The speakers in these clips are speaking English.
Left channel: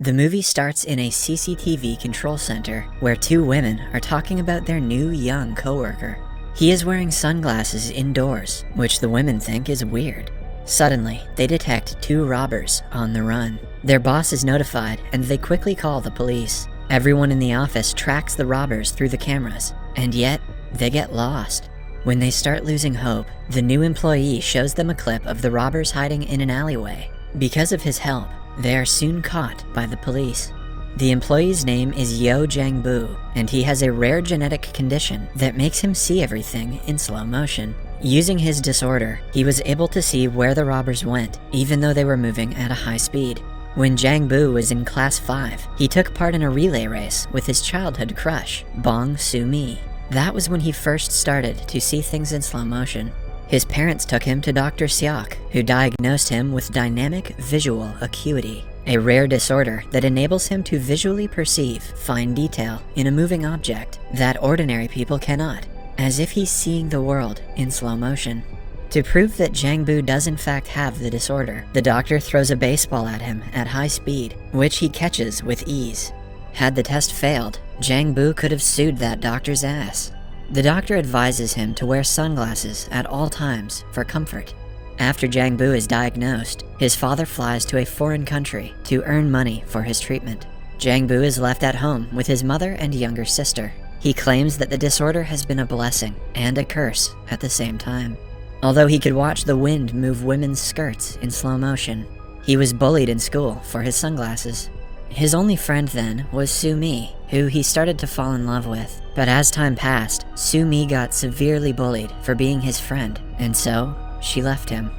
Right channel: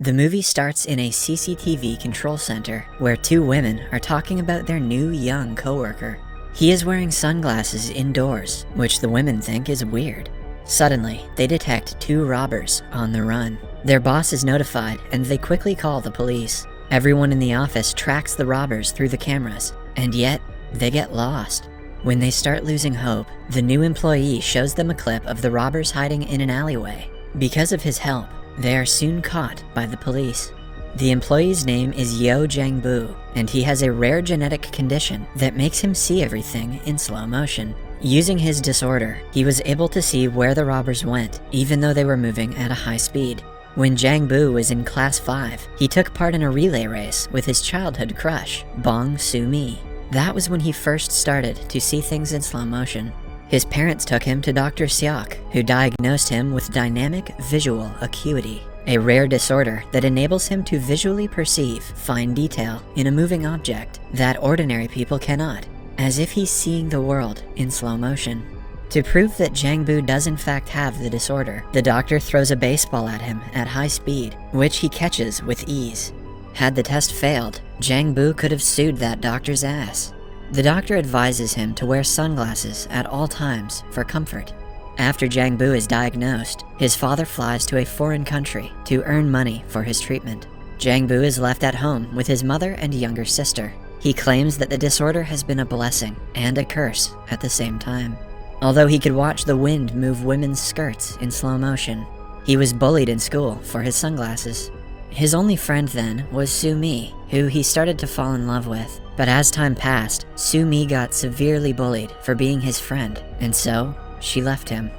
The movie starts in a CCTV control center where two women are talking about their new young coworker. He is wearing sunglasses indoors, which the women think is weird. Suddenly, they detect two robbers on the run. Their boss is notified and they quickly call the police. Everyone in the office tracks the robbers through the cameras, and yet they get lost. When they start losing hope, the new employee shows them a clip of the robbers hiding in an alleyway. Because of his help, they are soon caught by the police. The employee's name is Yo Jang-bu, and he has a rare genetic condition that makes him see everything in slow motion. Using his disorder, he was able to see where the robbers went, even though they were moving at a high speed. When Jang-bu was in class 5, he took part in a relay race with his childhood crush, Bong Soo-mi. That was when he first started to see things in slow motion. His parents took him to Dr. Seok, who diagnosed him with dynamic visual acuity, a rare disorder that enables him to visually perceive fine detail in a moving object that ordinary people cannot, as if he's seeing the world in slow motion. To prove that Jang-bu does in fact have the disorder, the doctor throws a baseball at him at high speed, which he catches with ease. Had the test failed, Jang-bu could have sued that doctor's ass. The doctor advises him to wear sunglasses at all times for comfort. After Jang-bu is diagnosed, his father flies to a foreign country to earn money for his treatment. Jang-bu is left at home with his mother and younger sister. He claims that the disorder has been a blessing and a curse at the same time. Although he could watch the wind move women's skirts in slow motion, he was bullied in school for his sunglasses. His only friend then was Soo-mi, who he started to fall in love with. But as time passed, Soo-mi got severely bullied for being his friend, and so she left him.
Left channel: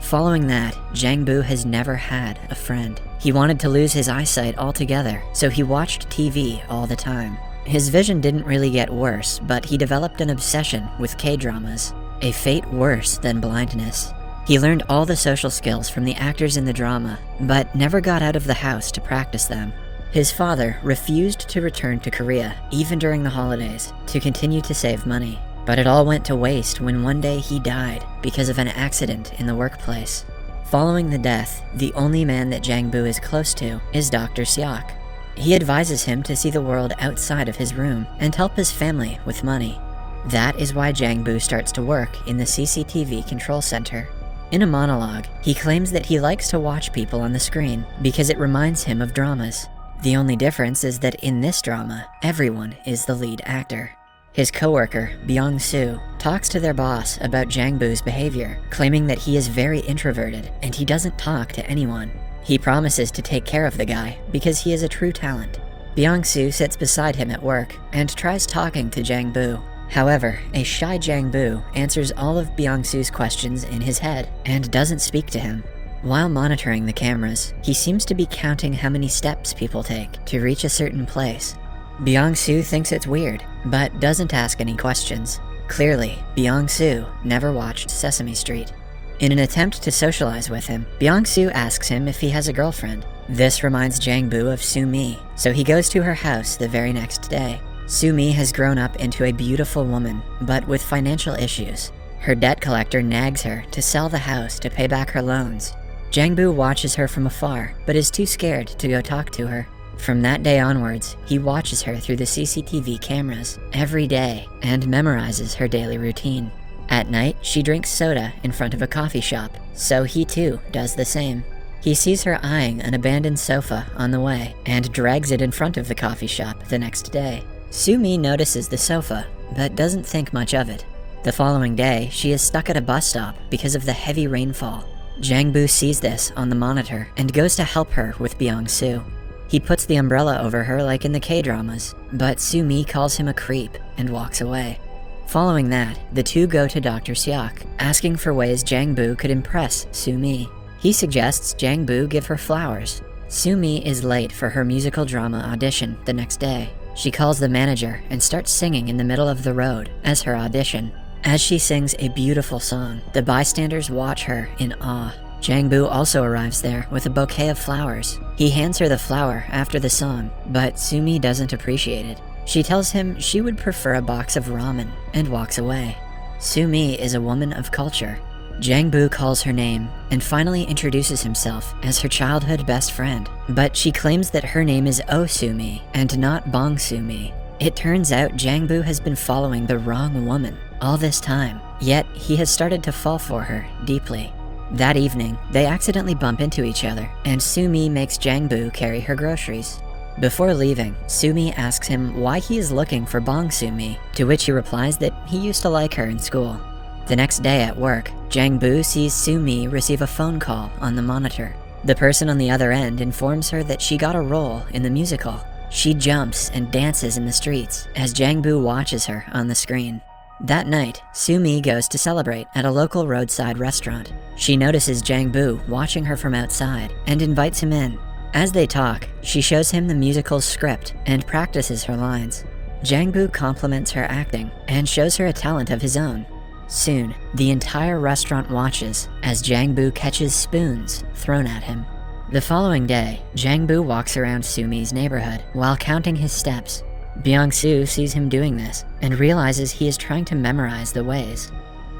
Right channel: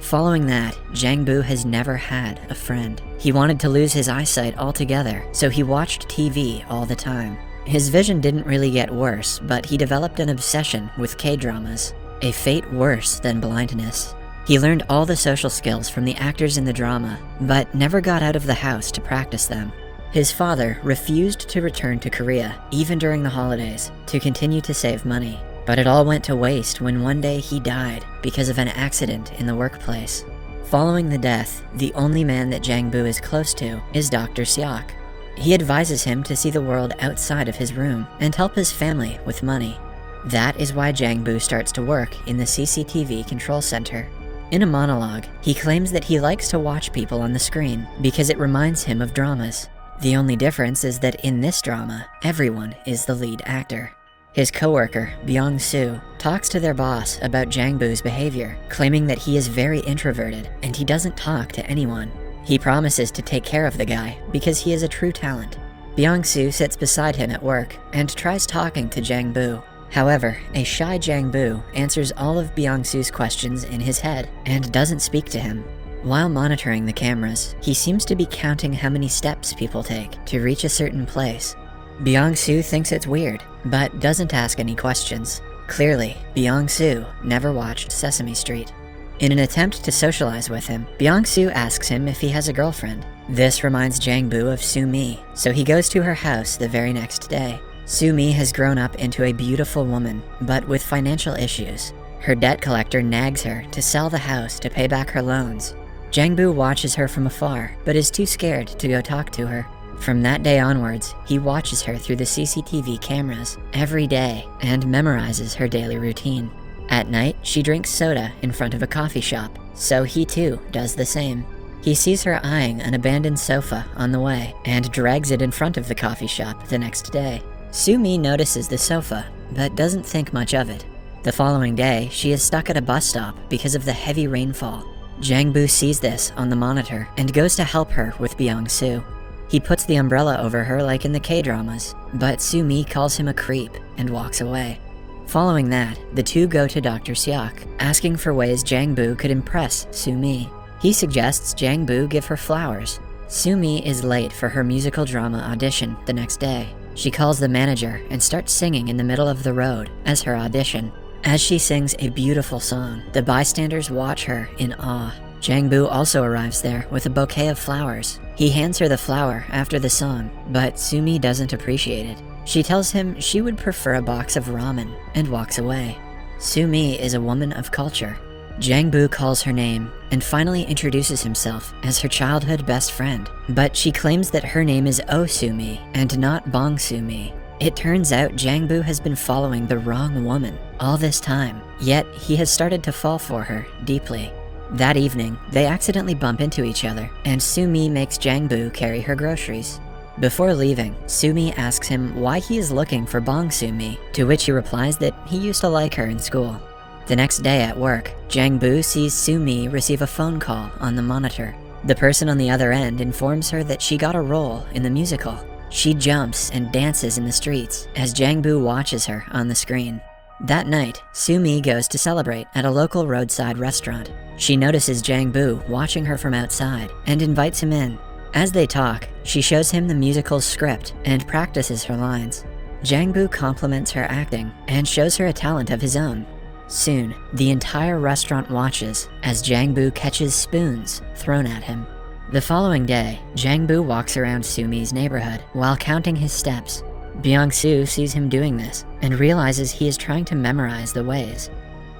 Following that, Jang-bu has never had a friend. He wanted to lose his eyesight altogether, so he watched TV all the time. His vision didn't really get worse, but he developed an obsession with K-dramas, a fate worse than blindness. He learned all the social skills from the actors in the drama, but never got out of the house to practice them. His father refused to return to Korea, even during the holidays, to continue to save money. But it all went to waste when one day he died because of an accident in the workplace. Following the death, the only man that Jang-bu is close to is Dr. Seok. He advises him to see the world outside of his room and help his family with money. That is why Jang-bu starts to work in the CCTV control center. In a monologue, he claims that he likes to watch people on the screen because it reminds him of dramas. The only difference is that in this drama, everyone is the lead actor. His coworker, Byung-soo, talks to their boss about Jang-bu's behavior, claiming that he is very introverted and he doesn't talk to anyone. He promises to take care of the guy because he is a true talent. Byung-soo sits beside him at work and tries talking to Jang-bu. However, a shy Jang-bu answers all of Byung-soo's questions in his head and doesn't speak to him. While monitoring the cameras, he seems to be counting how many steps people take to reach a certain place. Byung-soo thinks it's weird, but doesn't ask any questions. Clearly, Byung-soo never watched Sesame Street. In an attempt to socialize with him, Byung-soo asks him if he has a girlfriend. This reminds Jang-bu of Soo-mi, so he goes to her house the very next day. Soo-mi has grown up into a beautiful woman, but with financial issues. Her debt collector nags her to sell the house to pay back her loans. Jang-bu watches her from afar, but is too scared to go talk to her. From that day onwards, he watches her through the CCTV cameras every day and memorizes her daily routine. At night, she drinks soda in front of a coffee shop, so he too does the same. He sees her eyeing an abandoned sofa on the way and drags it in front of the coffee shop the next day. Soo-mi notices the sofa, but doesn't think much of it. The following day, she is stuck at a bus stop because of the heavy rainfall. Jang-bu sees this on the monitor and goes to help her with Byung-soo. He puts the umbrella over her like in the K-dramas, but Soo-mi calls him a creep and walks away. Following that, the two go to Dr. Seok, asking for ways Jang-bu could impress Soo-mi. He suggests Jang-bu give her flowers. Soo-mi is late for her musical drama audition the next day. She calls the manager and starts singing in the middle of the road as her audition. As she sings a beautiful song, the bystanders watch her in awe. Jang-bu also arrives there with a bouquet of flowers. He hands her the flower after the song, but Soo-mi doesn't appreciate it. She tells him she would prefer a box of ramen and walks away. Soo-mi is a woman of culture. Jang-bu calls her name and finally introduces himself as her childhood best friend. But she claims that her name is Oh Soo-mi and not Bong Soo-mi. It turns out Jang-bu has been following the wrong woman all this time, yet he has started to fall for her deeply. That evening, they accidentally bump into each other, and Soo-mi makes Jang-bu carry her groceries. Before leaving, Soo-mi asks him why he is looking for Bong Soo-mi, to which he replies that he used to like her in school. The next day at work, Jang-bu sees Soo-mi receive a phone call on the monitor. The person on the other end informs her that she got a role in the musical. She jumps and dances in the streets as Jang-bu watches her on the screen. That night, Soo-mi goes to celebrate at a local roadside restaurant. She notices Jang-bu watching her from outside and invites him in. As they talk, she shows him the musical's script and practices her lines. Jang-bu compliments her acting and shows her a talent of his own. Soon, the entire restaurant watches as Jang-bu catches spoons thrown at him. The following day, Jang-bu walks around Soo-mi's neighborhood while counting his steps. Byung-soo sees him doing this and realizes he is trying to memorize the ways.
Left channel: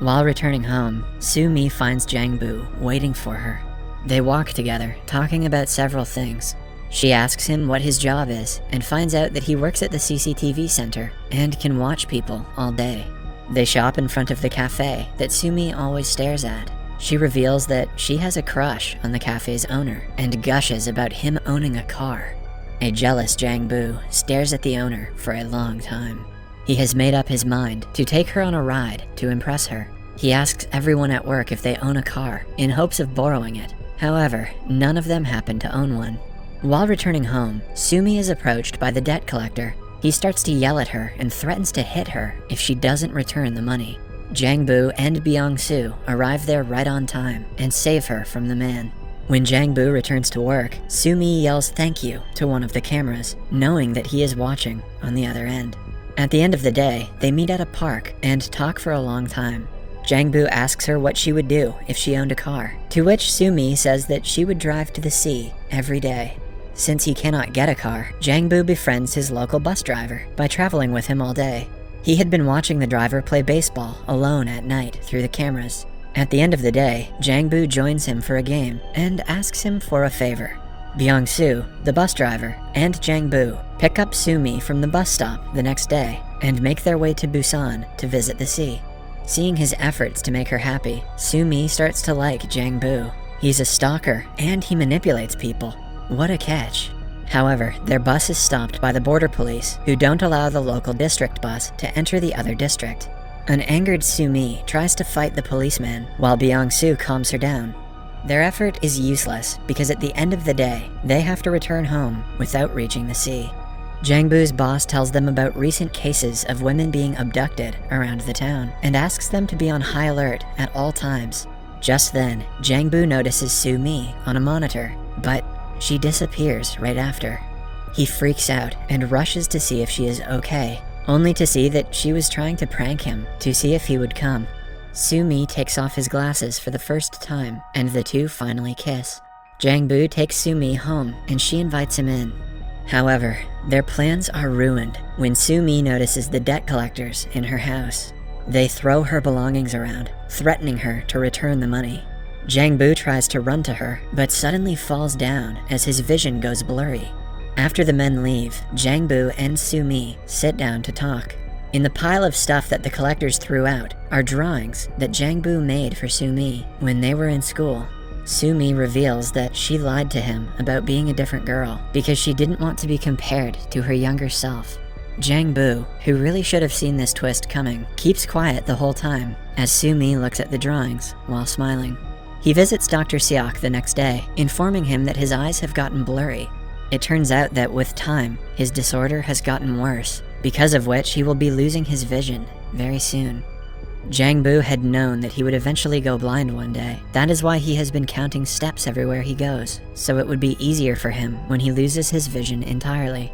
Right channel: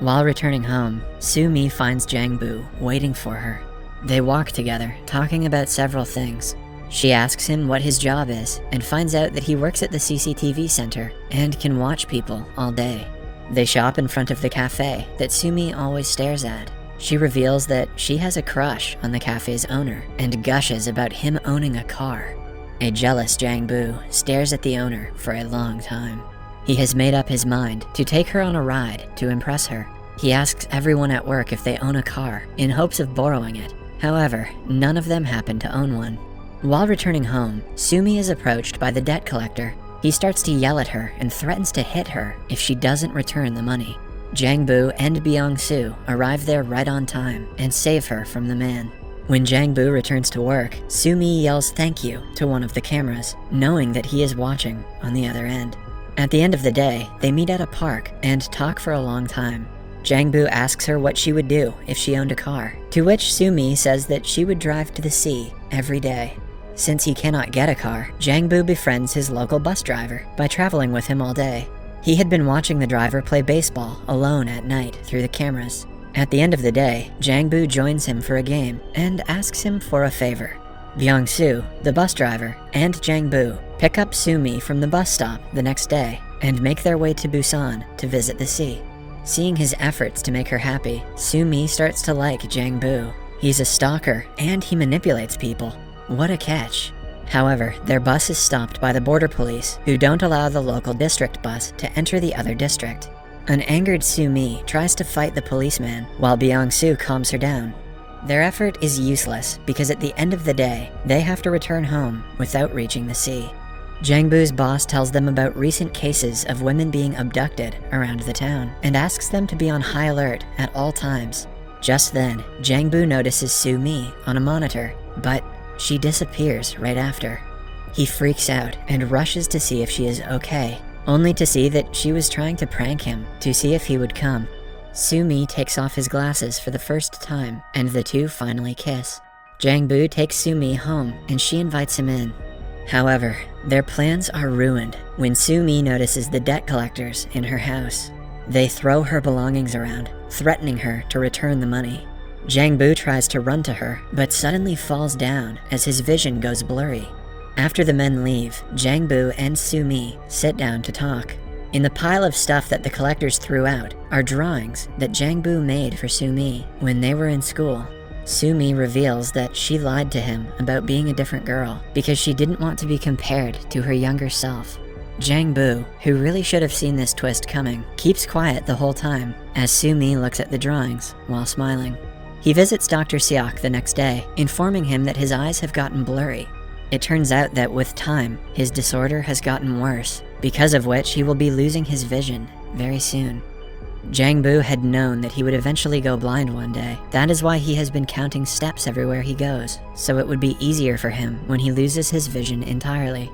While returning home, Soo-mi finds Jang-bu waiting for her. They walk together, talking about several things. She asks him what his job is and finds out that he works at the CCTV center and can watch people all day. They shop in front of the cafe that Soo-mi always stares at. She reveals that she has a crush on the cafe's owner and gushes about him owning a car. A jealous Jang-bu stares at the owner for a long time. He has made up his mind to take her on a ride to impress her. He asks everyone at work if they own a car in hopes of borrowing it. However, none of them happen to own one. While returning home, Soo-mi is approached by the debt collector. He starts to yell at her and threatens to hit her if she doesn't return the money. Jang-bu and Byung-soo arrive there right on time and save her from the man. When Jang-bu returns to work, Soo-mi yells thank you to one of the cameras, knowing that he is watching on the other end. At the end of the day, they meet at a park and talk for a long time. Jang-bu asks her what she would do if she owned a car, to which Soo-mi says that she would drive to the sea every day. Since he cannot get a car, Jang-bu befriends his local bus driver by traveling with him all day. He had been watching the driver play baseball alone at night through the cameras. At the end of the day, Jang-bu joins him for a game and asks him for a favor. Byung-soo, the bus driver, and Jang-bu pick up Soo-mi from the bus stop the next day and make their way to Busan to visit the sea. Seeing his efforts to make her happy, Soo-mi starts to like Jang-bu. He's a stalker and he manipulates people. What a catch. However, their bus is stopped by the border police, who don't allow the local district bus to enter the other district. An angered Soo-mi tries to fight the policeman, while Byung-soo calms her down. Their effort is useless because at the end of the day, they have to return home without reaching the sea. Jang-bu's boss tells them about recent cases of women being abducted around the town and asks them to be on high alert at all times. Just then, Jang-bu notices Soo-mi on a monitor, but she disappears right after. He freaks out and rushes to see if she is okay, only to see that she was trying to prank him to see if he would come. Soo-mi takes off his glasses for the first time, and the two finally kiss. Jang-bu takes Soo-mi home, and she invites him in. However, their plans are ruined when Soo-mi notices the debt collectors in her house. They throw her belongings around, threatening her to return the money. Jang-bu tries to run to her, but suddenly falls down as his vision goes blurry. After the men leave, Jang-bu and Soo-mi sit down to talk. In the pile of stuff that the collectors threw out are drawings that Jang-bu made for Soo-mi when they were in school. Soo-mi reveals that she lied to him about being a different girl because she didn't want to be compared to her younger self. Jang-bu, who really should have seen this twist coming, keeps quiet the whole time as Soo-mi looks at the drawings while smiling. He visits Dr. Seok the next day, informing him that his eyes have gotten blurry. It turns out that with time, his disorder has gotten worse, because of which he will be losing his vision very soon. Jang-bu had known that he would eventually go blind one day. That is why he has been counting steps everywhere he goes, so it would be easier for him when he loses his vision entirely.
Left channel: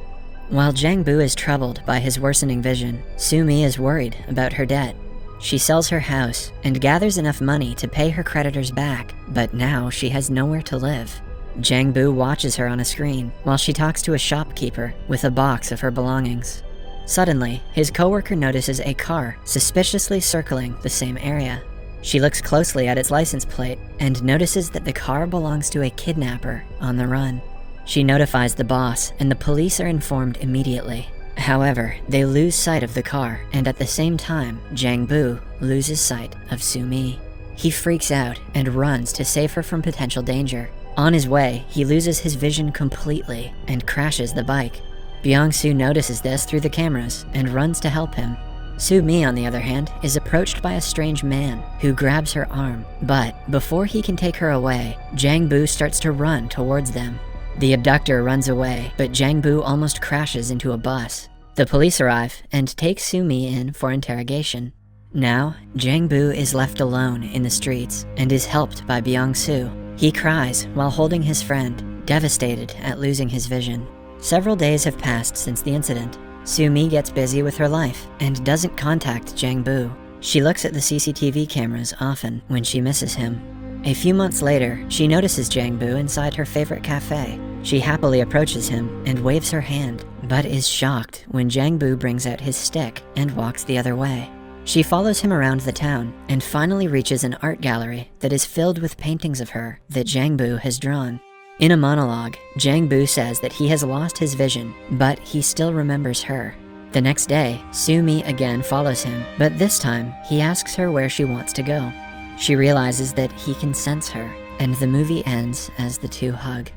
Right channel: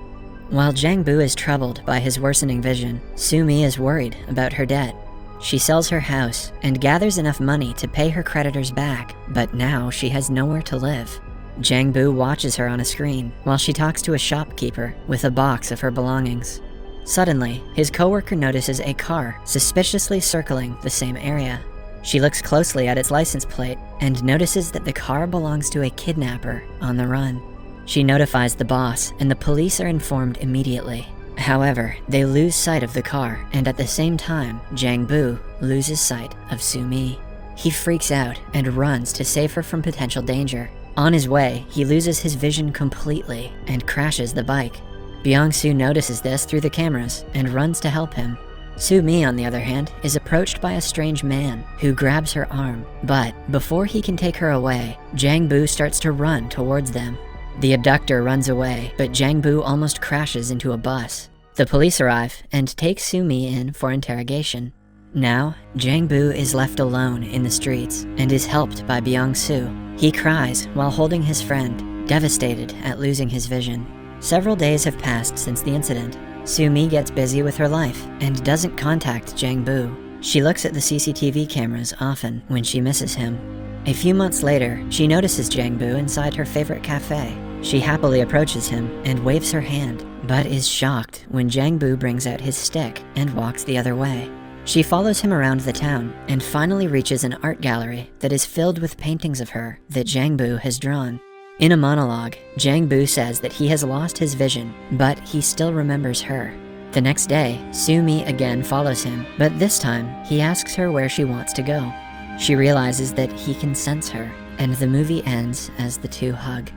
While Jang-bu is troubled by his worsening vision, Soo-mi is worried about her debt. She sells her house and gathers enough money to pay her creditors back, but now she has nowhere to live. Jang-bu watches her on a screen while she talks to a shopkeeper with a box of her belongings. Suddenly, his coworker notices a car suspiciously circling the same area. She looks closely at its license plate and notices that the car belongs to a kidnapper on the run. She notifies the boss, and the police are informed immediately. However, they lose sight of the car, and at the same time, Jang Bu loses sight of Sumi. He freaks out and runs to save her from potential danger. On his way, he loses his vision completely and crashes the bike. Byung-soo notices this through the cameras and runs to help him. Sumi, on the other hand, is approached by a strange man who grabs her arm, but before he can take her away, Jang Bu starts to run towards them. The abductor runs away, but Jang Bu almost crashes into a bus. The police arrive and take Sumi in for interrogation. Now, Jang Bu is left alone in the streets and is helped by Byung-soo. He cries while holding his friend, devastated at losing his vision. Several days have passed since the incident. Sumi gets busy with her life and doesn't contact Jang Bu. She looks at the CCTV cameras often when she misses him. A few months later, she notices Jang Bu inside her favorite cafe. She happily approaches him and waves her hand, but is shocked when Jang Bu brings out his stick and walks the other way. She follows him around the town and finally reaches an art gallery that is filled with paintings of her that Jang Bu has drawn. In a monologue, Jang Bu says that he has lost his vision, but he still remembers her. The next day, Sumi again follows him, but this time he asks her where she wants to go. She realizes that he can sense her, and the movie ends as the two hug.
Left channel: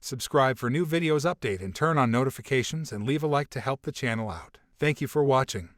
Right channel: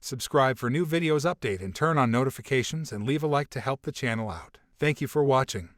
Subscribe for new videos update and turn on notifications and leave a like to help the channel out. Thank you for watching.